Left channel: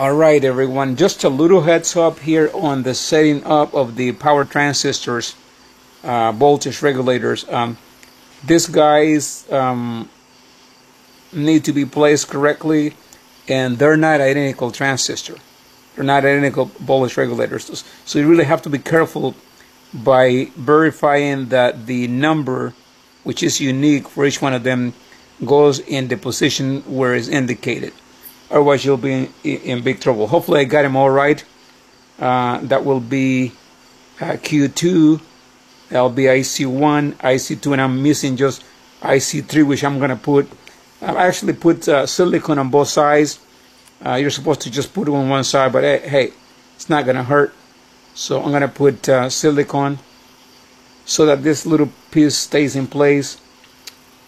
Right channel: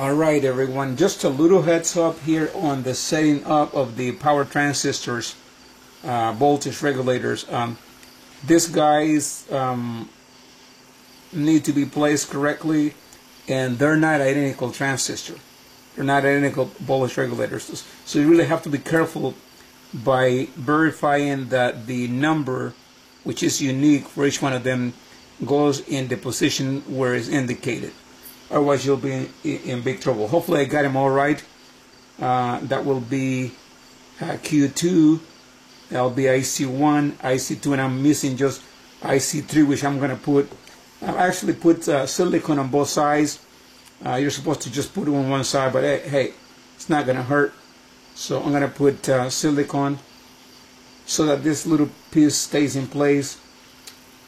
Alright everyone, just a little heads up here on the setting up of the power transistors, voltage regulators. These guys need to be placed correctly, and they're not identical transistor. They're not identical voltage regulators. So you really have to be careful by verifying that the number, which is unique for each one of them, goes in the position where it's indicated. Otherwise you'll be in big trouble. Hopefully I got them all right. That will be Q2, that'll be IC1, IC2, and I'm missing just IC3, which I'm going to put. I actually put silicon on both sides. You're supposed to just put it on one side, but hey, it's not going to hurt. So I'm going to put silicon so that this little piece stays in place.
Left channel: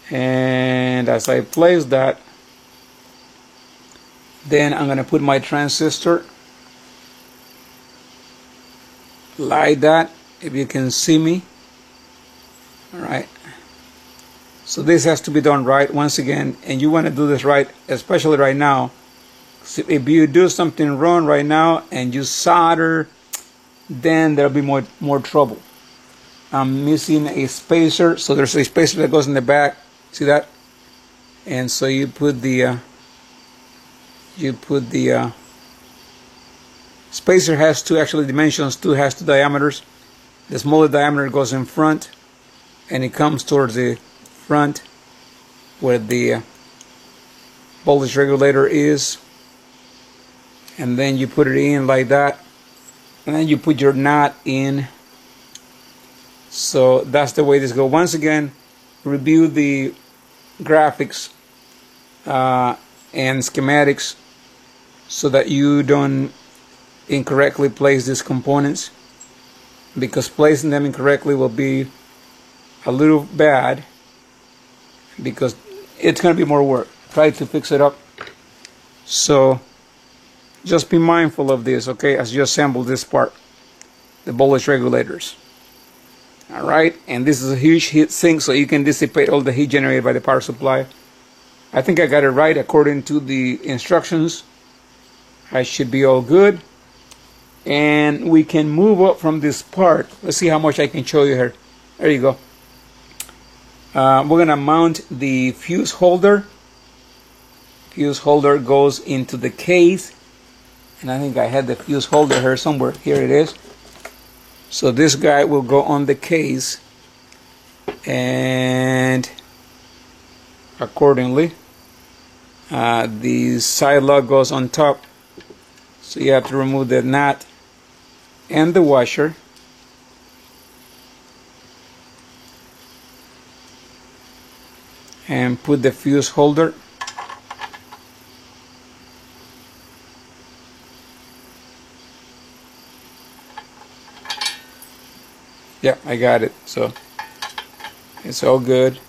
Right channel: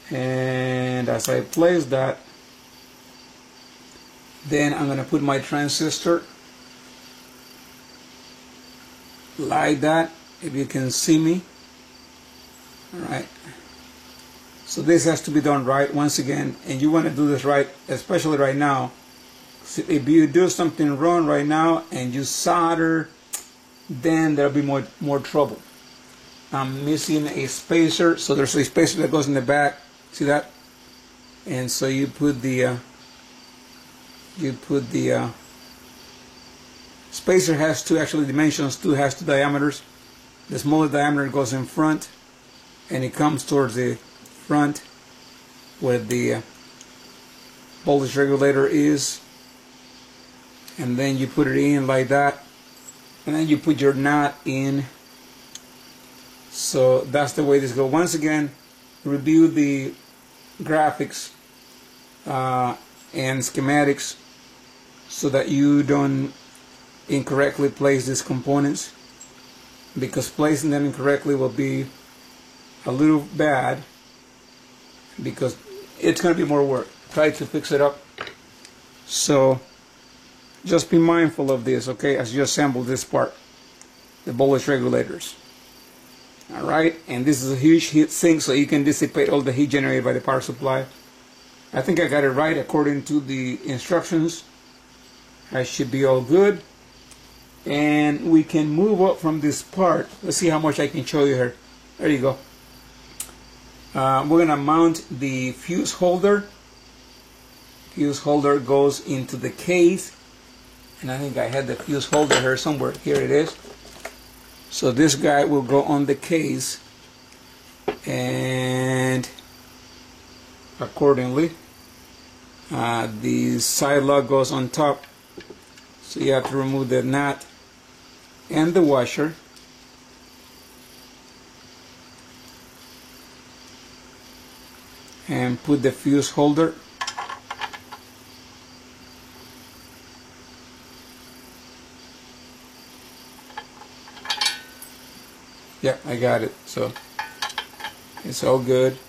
And as I place that, then I'm going to put my transistor like that, if you can see me. Alright, so this has to be done right once again, and you want to do this right, especially right now. So if you do something wrong right now and you solder, then there'll be more trouble. I'm missing a spacer, so there's a spacer that goes in the back, see that? And so you put the spacer has two actually dimensions, has two diameters. The smaller diameter goes in front, and it comes towards the front where the voltage regulator is, and then you put it in like that, and then you put your knot in. So that's the way this goes. Once again, review the graphics and schematics so that you don't incorrectly place these components, because placing them incorrectly will be a little bad, because it's going to be more work. Try to fix it up. So just be mindful of this, okay, as you assemble this part, the voltage regulators. Alright, and this is a huge heat sink, so you can dissipate all the heat generated by the power supply. I think I got it right according to the instructions. I should be all good. And we can move up from this part. Let's see how much I can show you here. There you go. We're going to mount the fuse holder. Fuse holder goes into the case. And I think I had the fuse holder here somewhere. Here it is. So this guy will go on the case. And accordingly, the side lug goes on top. So you have to remove the nut and the washer. And put the fuse holder. Yeah, I got it. So it's all good.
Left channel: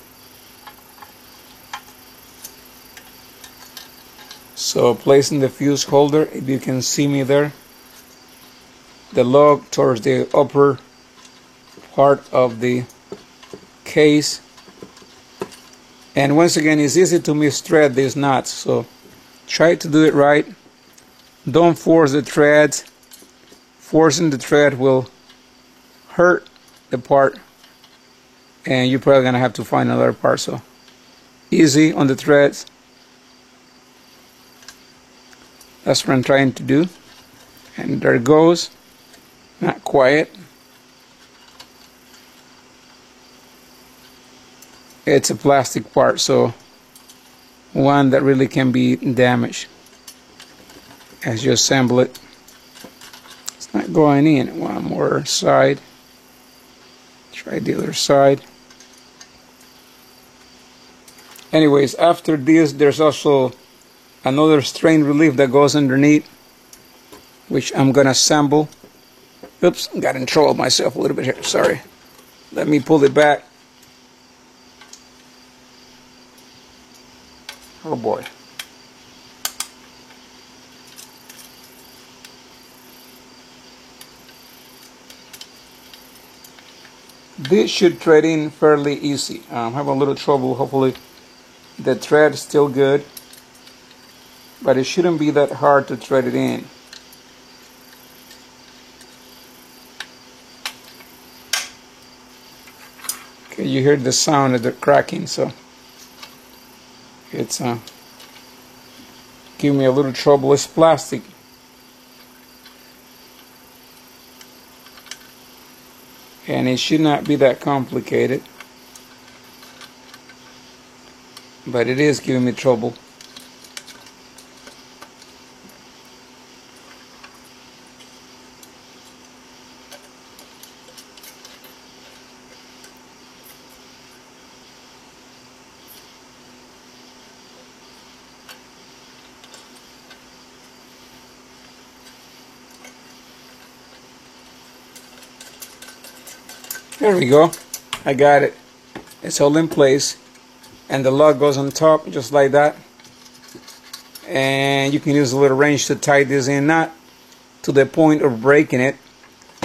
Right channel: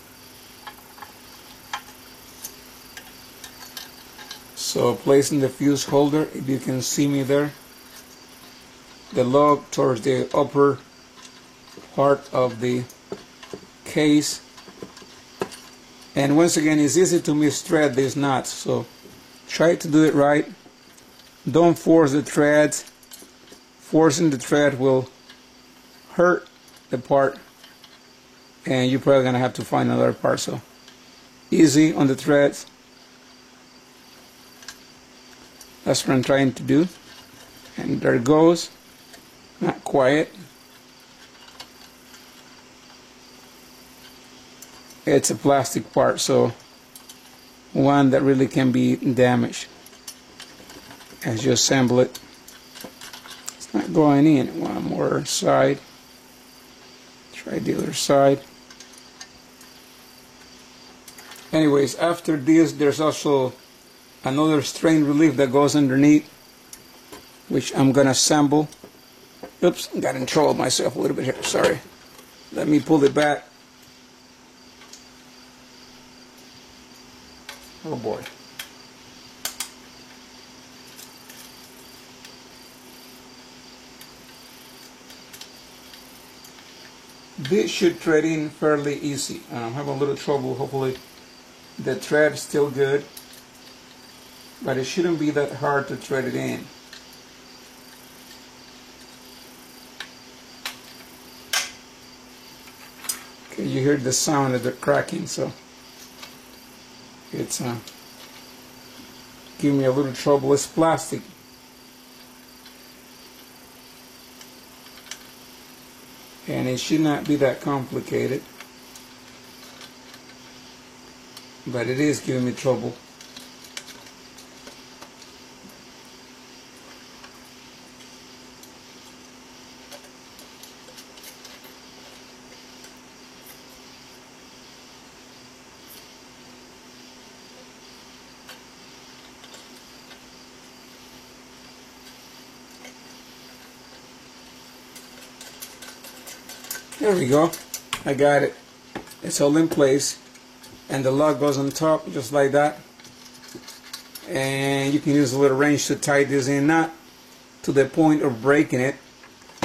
So placing the fuse holder, if you can see me there, the lug towards the upper part of the case. And once again, it's easy to misthread these nuts, so try to do it right. Don't force the threads. Forcing the thread will hurt the part, and you're probably gonna have to find another part. So easy on the threads. That's what I'm trying to do. And there it goes. Not quiet. It's a plastic part, so one that really can be damaged as you assemble it. It's not going in. One more side. Try the other side. Anyways, after this, there's also another strain relief that goes underneath, which I'm gonna assemble. Oops, got in trouble myself a little bit here, sorry. Let me pull it back. Oh boy. This should thread in fairly easy. I'm having a little trouble. Hopefully the thread is still good. but it shouldn't be that hard to thread it in. Okay, you hear the sound of the cracking, so it's giving me a little trouble. It's plastic. And it should not be that complicated, but it is giving me trouble. There we go. I got it. It's all in place, and the lug goes on top just like that. And you can use a little wrench to tighten this in, not to the point of breaking it.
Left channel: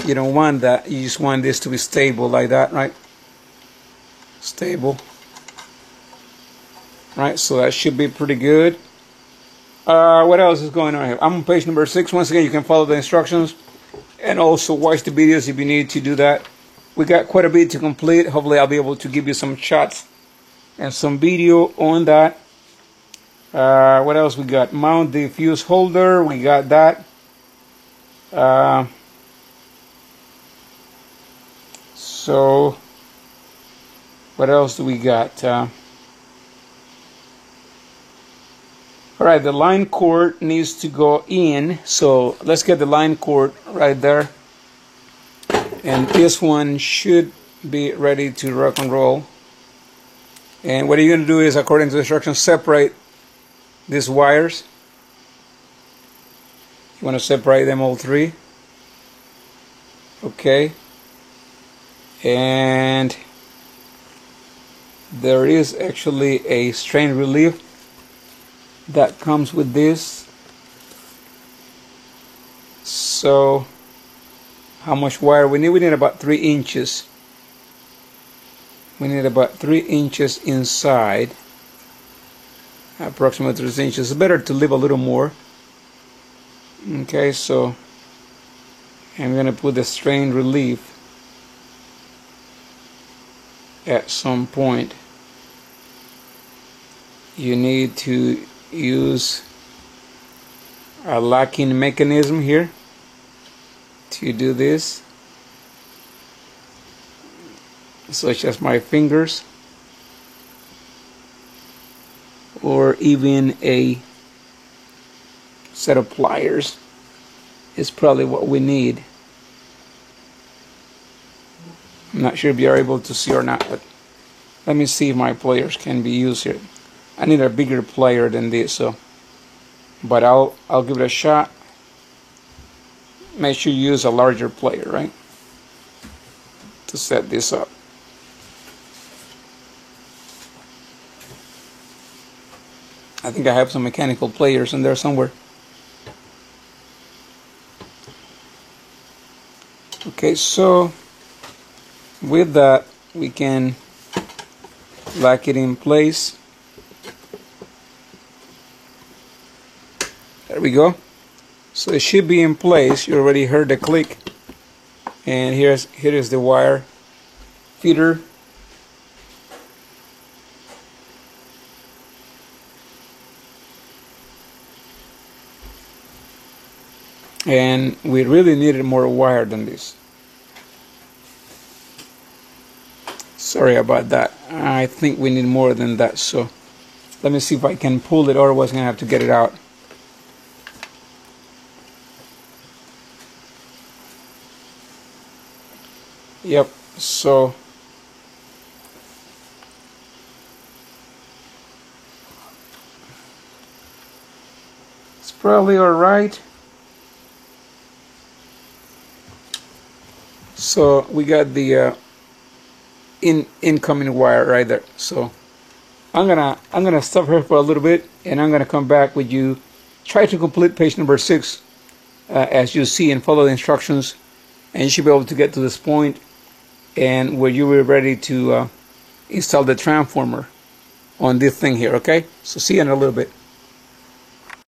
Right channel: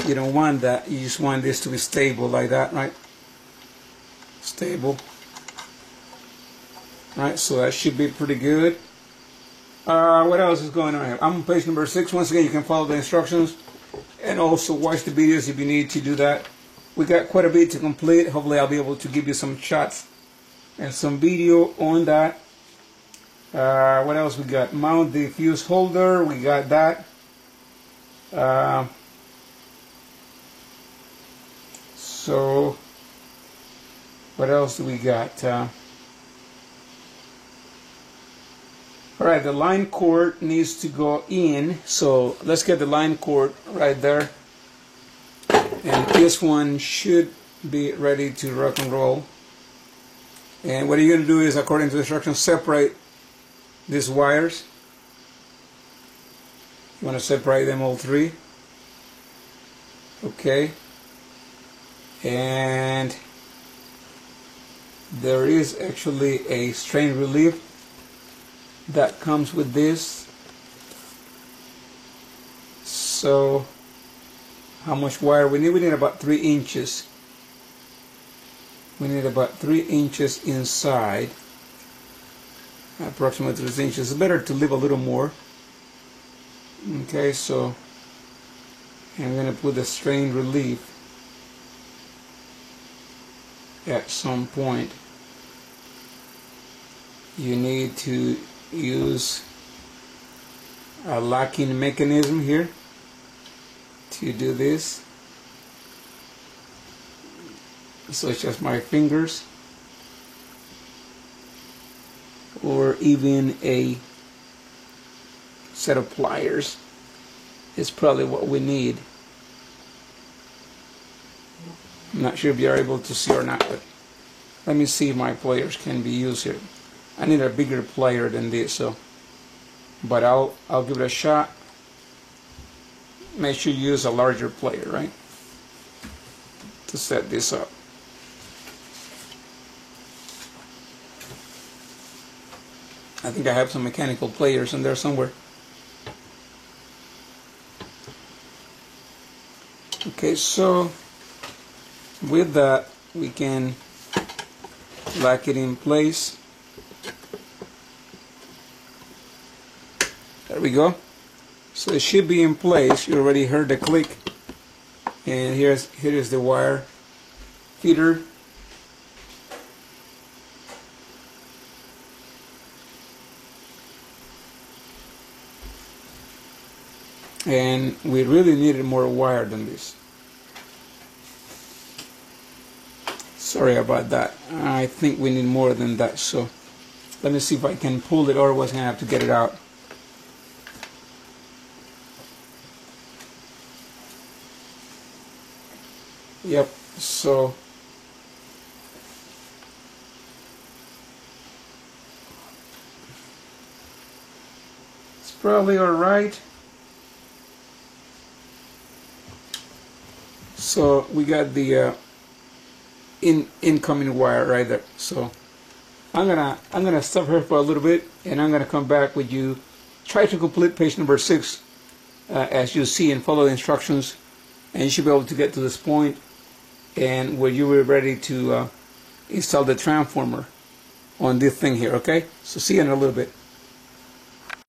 You don't want that. You just want this to be stable like that, right? Stable. Right, so that should be pretty good. What else is going on here? I'm on page number 6. Once again, you can follow the instructions and also watch the videos if you need to do that. We got quite a bit to complete. Hopefully I'll be able to give you some shots and some video on that. What else we got? Mount the fuse holder. We got that. So what else do we got? Alright, the line cord needs to go in. So let's get the line cord right there. And this one should be ready to rock and roll. And what you're going to do is, according to the instructions, separate these wires. You want to separate them all three. Okay. And there is actually a strain relief that comes with this. So how much wire we need? We need about 3 inches. We need about 3 inches inside. Approximately 3 inches. It's better to leave a little more. Okay, so I'm going to put the strain relief at some point. You need to use a locking mechanism here to do this, such as my fingers, or even a set of pliers is probably what we need. I'm not sure if you're able to see or not, but let me see if my pliers can be used here. I need a bigger plier than this, so but I'll give it a shot. Make sure you use a larger plier, right, to set this up. I think I have some mechanical pliers in there somewhere. Okay, so with that we can lock it in place. There we go. So it should be in place. You already heard the click. And here is the wire feeder. And we really needed more wire than this. Sorry about that. I think we need more than that. So let me see if I can pull it, otherwise I'm going to have to get it out. Yep, so it's probably alright. So we got the incoming wire right there. So I'm gonna stop here for a little bit, and I'm gonna come back with you. Try to complete page number 6 as you see, and follow the instructions, and you should be able to get to this point and where you were ready to install the transformer on this thing here. Okay, so see you in a little bit.